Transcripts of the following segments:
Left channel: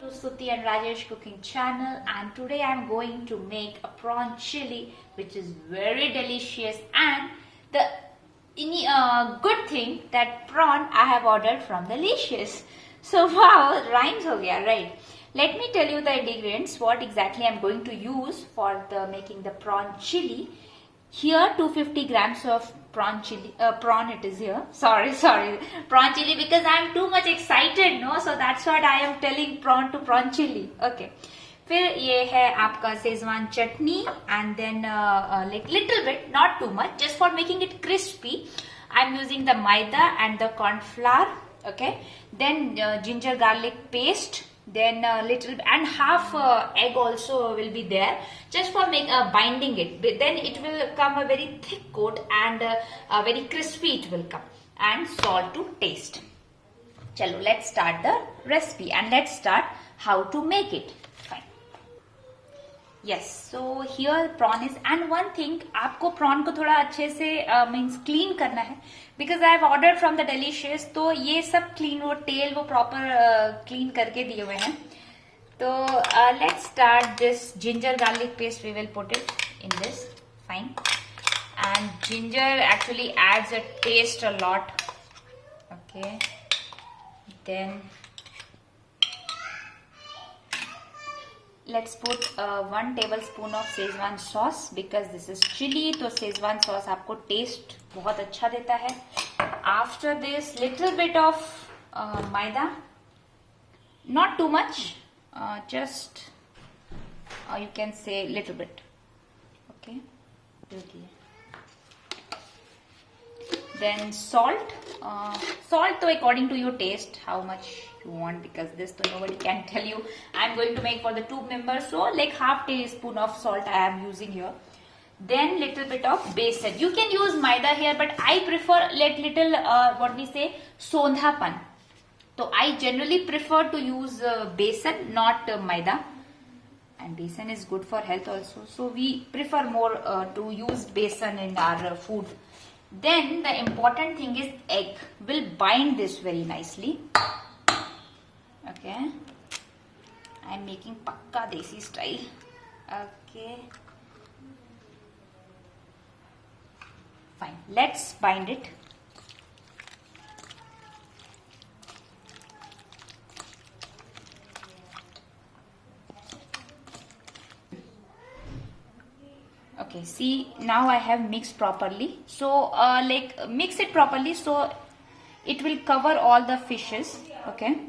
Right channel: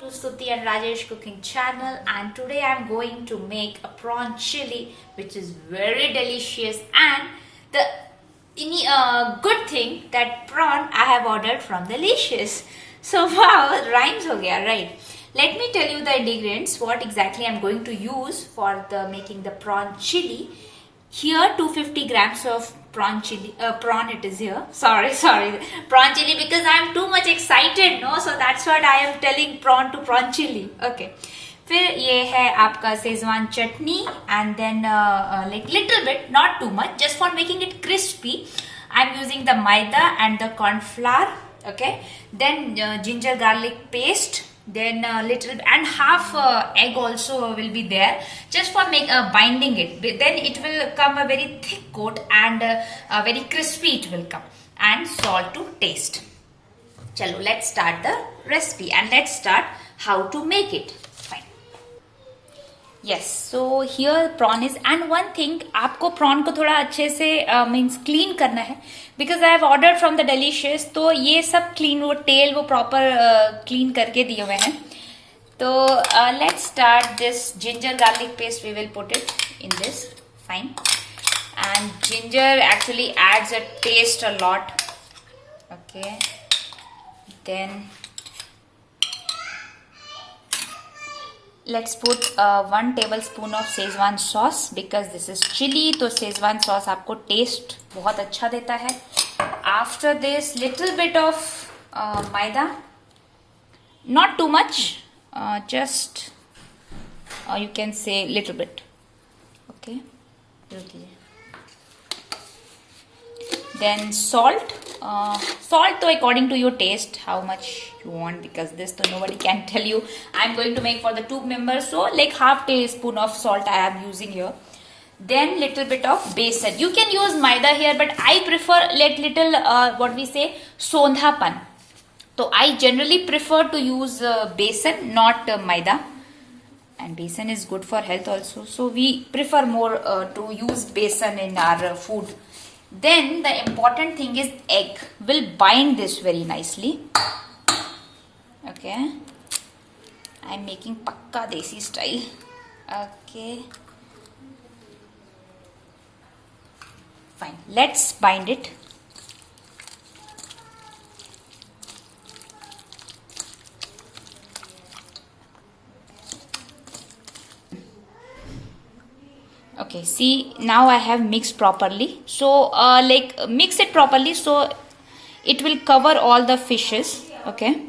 To Stuti and Rajesh cooking channel, and today I'm going to make a prawn chili which is very delicious. And the good thing that prawn I have ordered from Delicious. So wow, rhymes ho gaya, right? Let me tell you the ingredients, what exactly I'm going to use for the making the prawn chili. Here 250 grams of prawn chili, prawn it is here. Sorry, prawn chili, because I am too much excited, no? So that's what I am telling prawn to prawn chili. Okay. फिर ये है आपका Schezwan chutney, and then like little bit, not too much, just for making it crispy. I'm using the maida and the corn flour. Okay. Then ginger garlic paste. Then little and half egg also will be there, just for make binding it. Then it will come a very thick coat, and very crispy it will come. And salt to taste. Chalo, let's start the recipe, and let's start how to make it. Fine. Yes, so here prawn is, and one thing, आपको prawn को थोड़ा अच्छे से means clean करना है, because I have ordered from the Delicious, तो ये सब clean, वो tail वो proper clean करके दिए हुए हैं. तो let's start this ginger garlic paste. We will put it in this. Fine. And ginger actually adds a taste a lot. Okay. Then let's put 1 tablespoon of Szechuan sauce, because this is chili, तो Szechuan sauce आपको taste बहुत अच्छा देता है. After this, little bit of maida, not too much, just you can say little bit. Okay. Then salt. Salt to according to your taste, how much you want, because this to nobody can tell you. I'm going to make for the 2 members, so like half teaspoon of salt I am using here. Then little bit of besan. You can use maida here, but I prefer like little what we say sondhapan. So I generally prefer to use besan, not maida. And besan is good for health also, so we prefer more to use besan in our food. Then the important thing is egg. Will bind this very nicely. Okay. I'm making pakka desi style. Okay. Fine. Let's bind it. Okay, see, now I have mixed properly. So like mix it properly so it will cover all the fishes. Okay.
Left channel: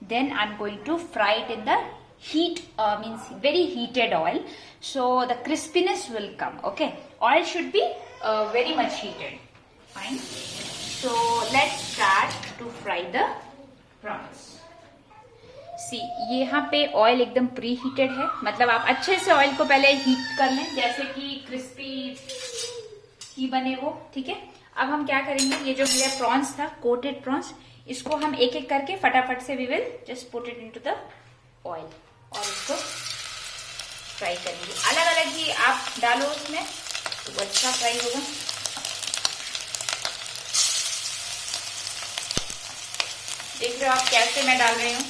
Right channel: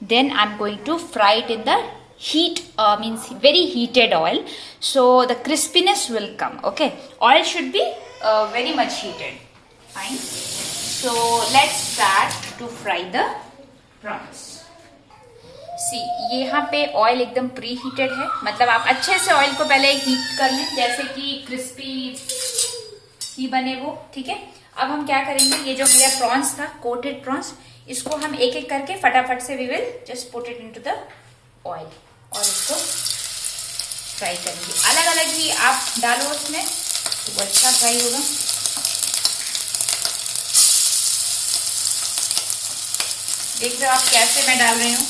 Then I'm going to fry it in the heat, means very heated oil, so the crispiness will come. Okay. Oil should be very much heated. Fine. So let's start to fry the prawns. सी, यहाँ पे oil एकदम pre heated है, मतलब आप अच्छे से oil को पहले हीट कर लें, जैसे कि क्रिस्पी ही बने वो. ठीक है. अब हम क्या करेंगे, ये जो मेरा प्रॉन्स था, कोटेड प्रॉन्स, इसको हम एक एक करके फटाफट से we will just put it into the oil और इसको फ्राई करेंगे. अलग अलग ही आप डालो उसमें तो वो अच्छा फ्राई होगा. देख रहे हो आप कैसे मैं डाल रही हूँ.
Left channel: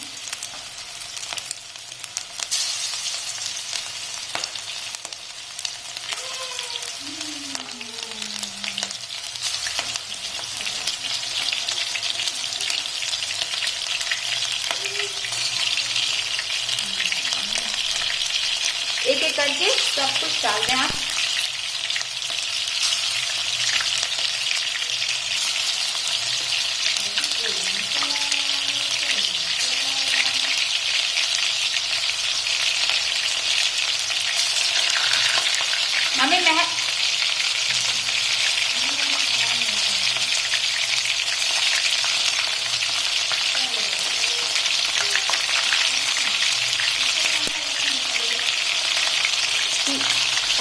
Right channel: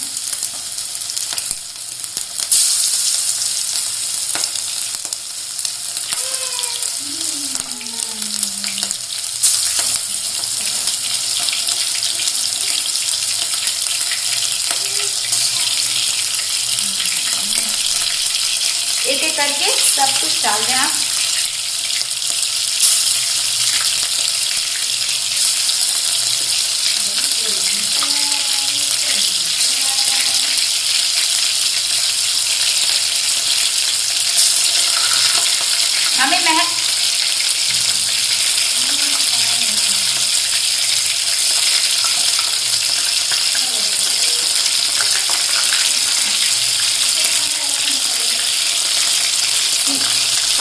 एक एक करके सब कुछ डाल दें आप. हमें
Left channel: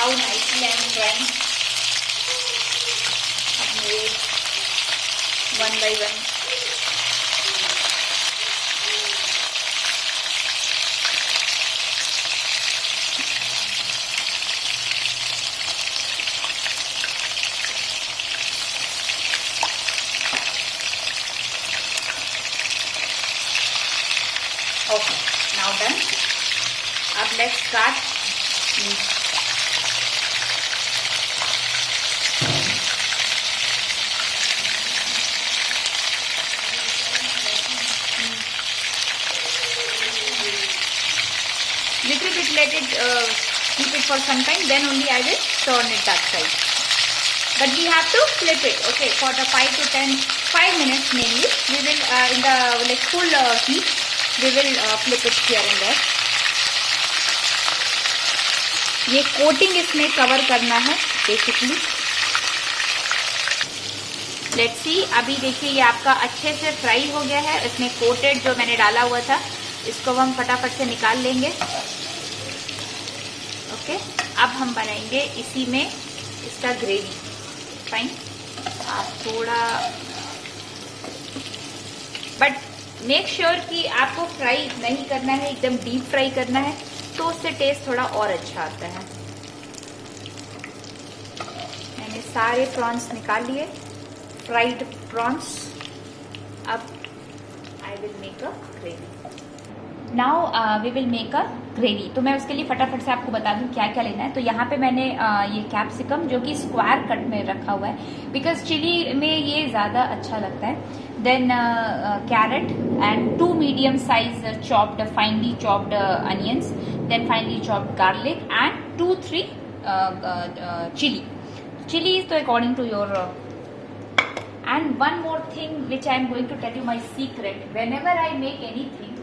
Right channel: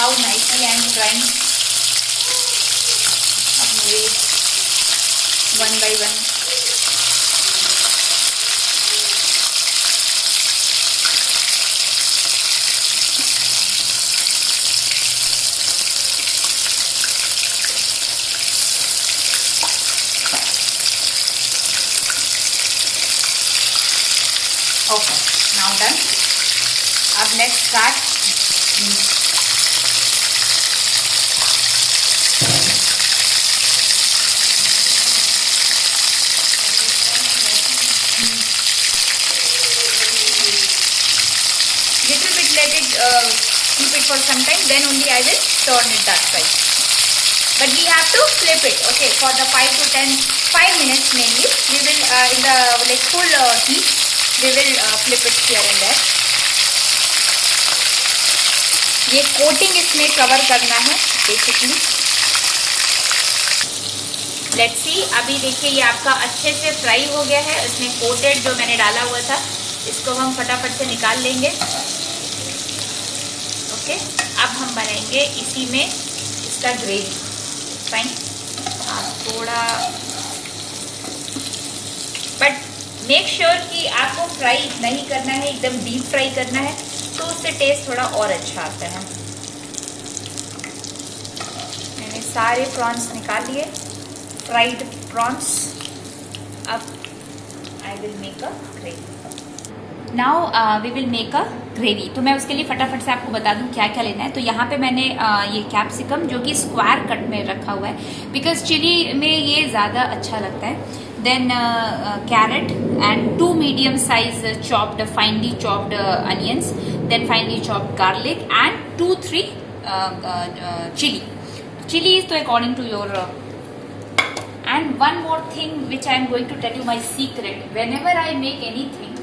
how nicely I am trying. Wait, one by one. Okay. Now done. अब let's start. Little bit let it keep it for some time, then only I will turn it that side. But we have to flip it, okay, for the 5 minutes mainly. We will in the like full heat, we will flip it here and there. ये coating इसमें cover करना है basically. Let's see. अभी देखिए ये आपका अच्छे से फ्राई हो गया है. इसमें कोटेड जो मैंने डाला हुआ था, इसको हम फटाफट से निकाल लेंगे. ओके, अब हम बनाएंगे इसी में इसका ग्रेवी. फाइन. थोड़ा बट मेक श्योर कि आपको फ्राई नहीं करना है, एकदम डीप फ्राई करना है, तो उससे टेस्ट थोड़ा और अच्छा आता है. मैंने सारे प्रॉन्स निकाल लिए, फ्राइड प्रॉन्स. अब I will make a gravy. Now we will make a gravy. तो मैं उसके लिए फटाफट से आपको बता दूं क्या क्या लेना है. तो यहाँ पे मैंने ये कैप्सिकम जो कि स्क्वायर कट में रखा हुआ है, बिकॉज चिली में ये ज़्यादा अच्छा लगता है. Then carrot and 2 medium size chopped finely chopped onions, then finely chopped garlic and 2-3 chilli. Chili is according to your and one more thing which I am going to tell you my secret. Whenever I make anything,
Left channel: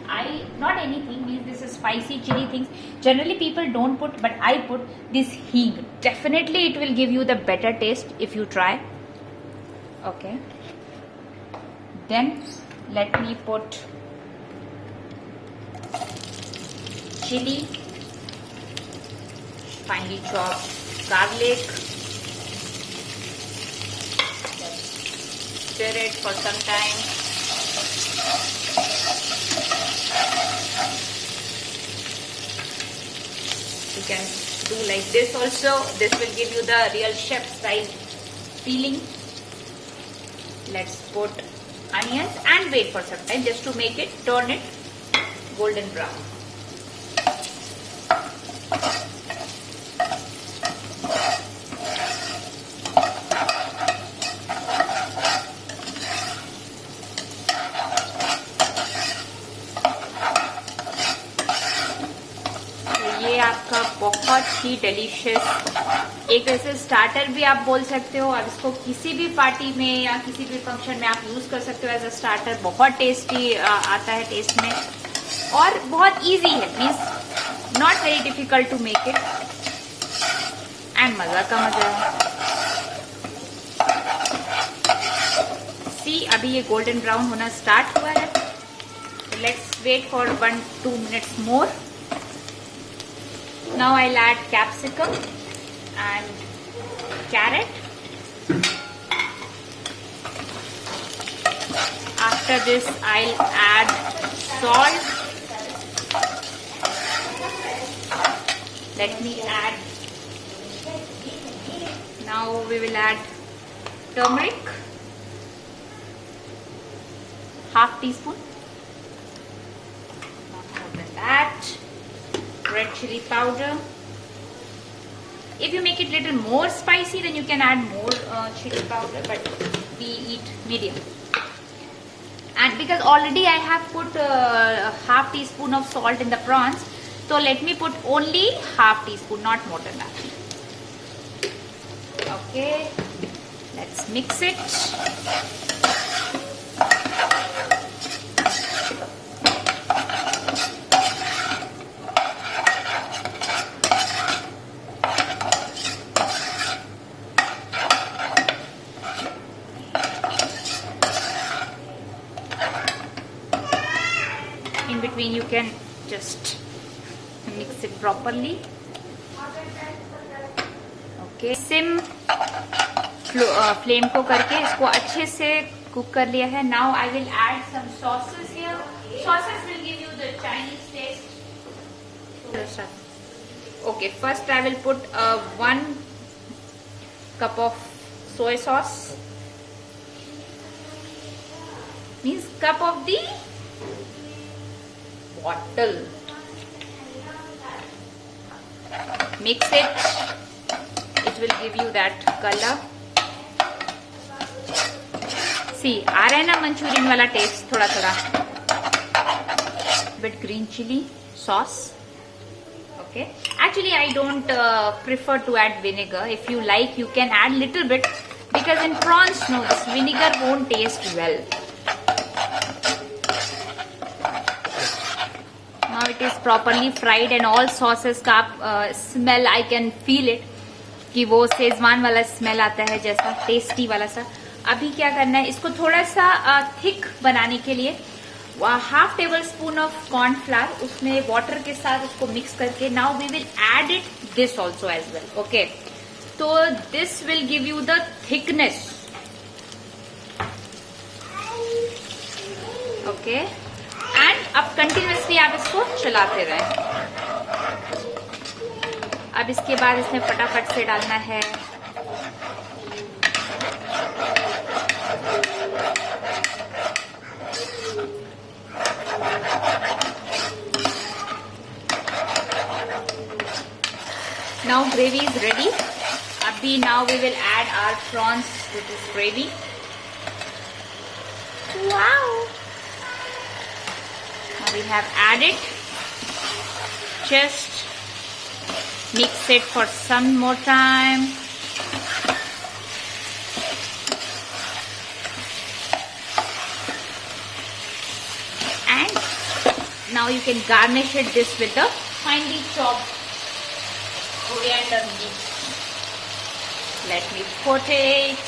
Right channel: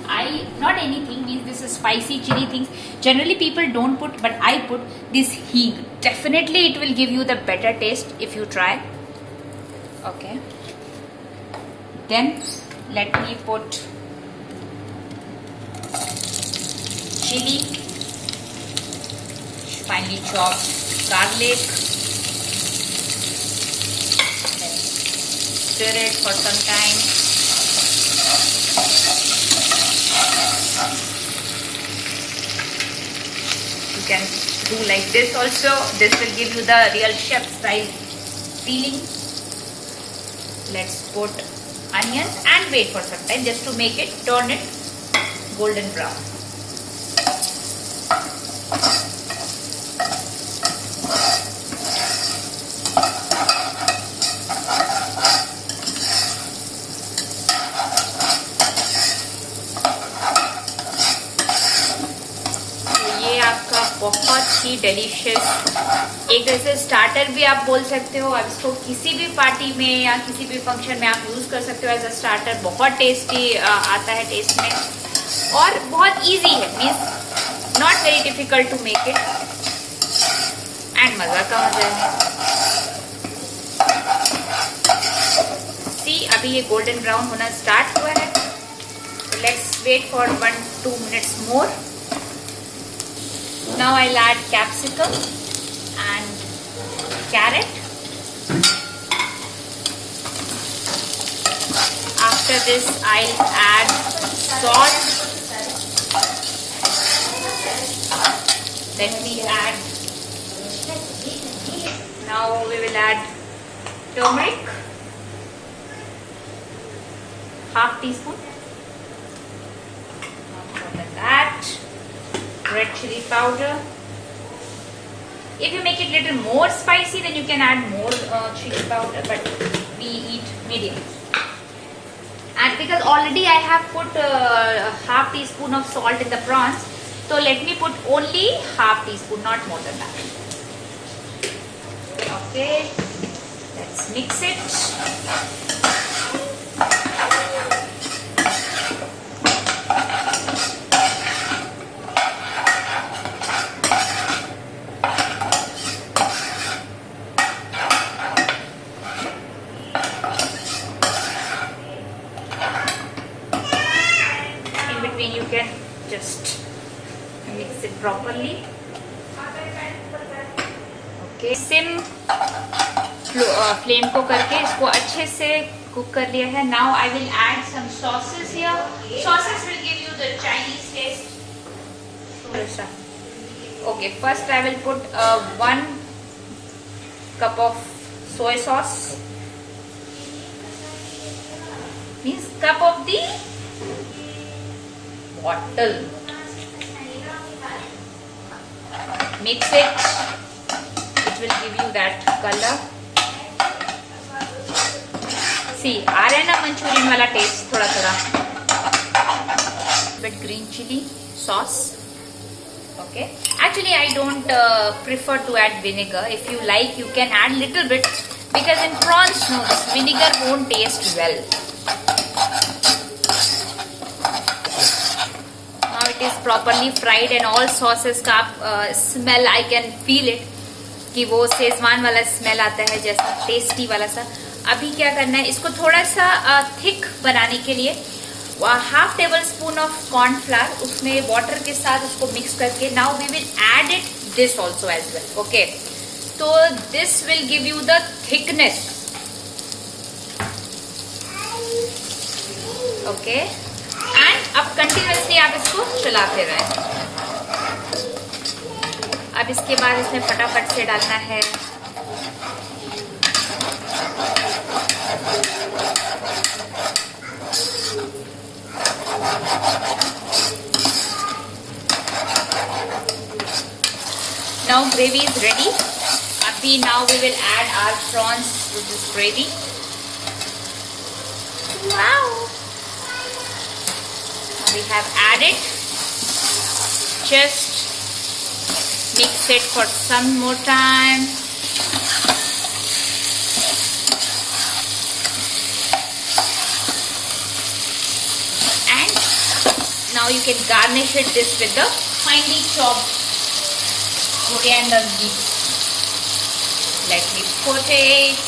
not anything means this is spicy chili things. Generally people don't put, but I put this hing. Definitely it will give you the better taste if you try. Okay. Then let me put chili, finely chopped garlic. Stir it for some time. You can do like this also. This will give you the real chef style feeling. Let's put onions and wait for some time just to make it, turn it golden brown. बहुत ही delicious एक ऐसे starter भी आप बोल सकते हो. अब इसको किसी भी पार्टी में या किसी भी फंक्शन में आप यूज़ कर सकते हो एज अ स्टार्टर. बहुत टेस्टी आता है टेस्ट में और बहुत इजी है. Means not very difficult to make it and मज़ा का मज़ा है. सी अभी ये गोल्डन ब्राउन होना स्टार्ट हुआ है. Let's wait for 1-2 minutes more. Now I'll add capsicum and carrot. After this I'll add salt. Let me add. Now we will add turmeric. Half teaspoon. After that, red chili powder. If you make it little more spicy, then you can add more chili powder, but we eat medium. And because already I have put half teaspoon of salt in the prawns, so let me put only half teaspoon, not more than that. Okay, let's mix it. You can just mix it properly. Okay, SIM flame को करके इसको अच्छे से cook कर लिया है. Now I will add some sauces here. Sauces will give you the Chinese taste. Okay, first I will put 1 cup of soy sauce. Means cup of the bottle. Mix it. It will give you that color. See, आ रहा है ना Manchurian वाला test थोड़ा थोड़ा. Bit green chili sauce. Okay. Actually, I don't prefer to add vinegar. If you like, you can add little bit, because in prawns, no, this vinegar won't taste well. Now it is properly fried and all sauces का smell I can feel it कि वो Schezwan वाला smell आता है जैसा tasty वाला सा. अभी क्या करना है, इसको थोड़ा सा थिक बनाने के लिए half tablespoon of cornflour, उसमें वाटर के साथ उसको मिक्स करके now we will add it this also as well. Okay, तो this will give you the thickness. Okay, and अब कंटिन्यूसली आप इसको चलाते रहें. अब इसके बाद इसमें फटाफट से डालना है now gravy is ready. Abhi now we will add our prawns with this gravy. Wow! We have added. Just mix it for some more time. And now you can garnish it this with the finely chopped coriander leaves. Let me put it.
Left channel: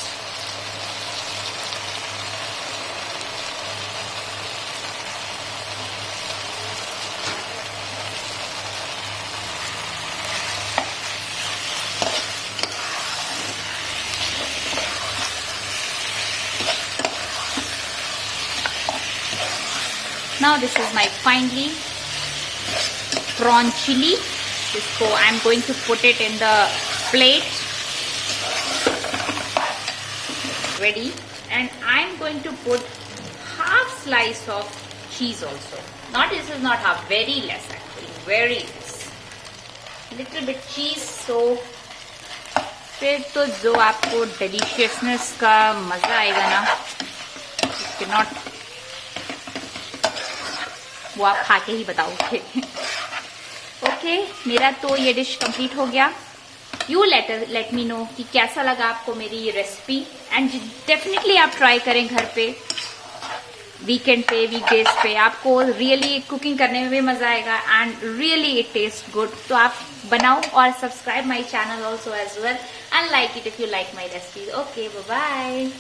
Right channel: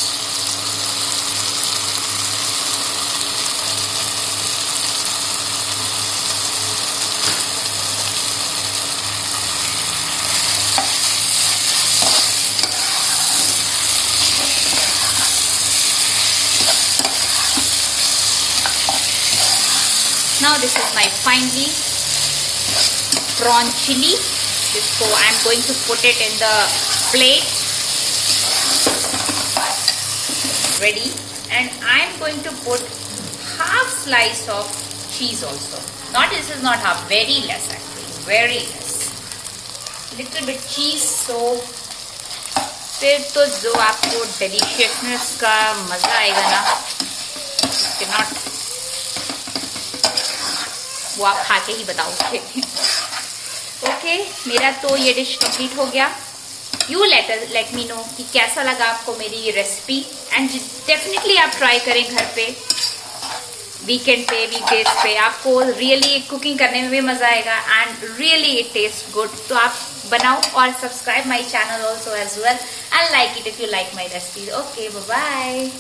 Now this is my finely prawn chili. So I'm going to put it in the plate. Ready. And I'm going to put half slice of cheese also. Not, this is not half, very less actually, very less. Little bit cheese. So फिर तो जो आपको deliciousness का मजा आएगा ना, you cannot, वो आप खा के ही बताओगे. ओके, मेरा तो ये डिश कंप्लीट हो गया. यू लेट मी नो कि कैसा लगा आपको मेरी ये रेसिपी. एंड डेफिनेटली आप ट्राई करें घर पे, वीकेंड पे, वीकडेज पे. आपको रियली कुकिंग करने में भी मजा आएगा and really it taste good. तो आप बनाओ और subscribe my channel also as well and like it if you like my recipe. Okay, bye bye.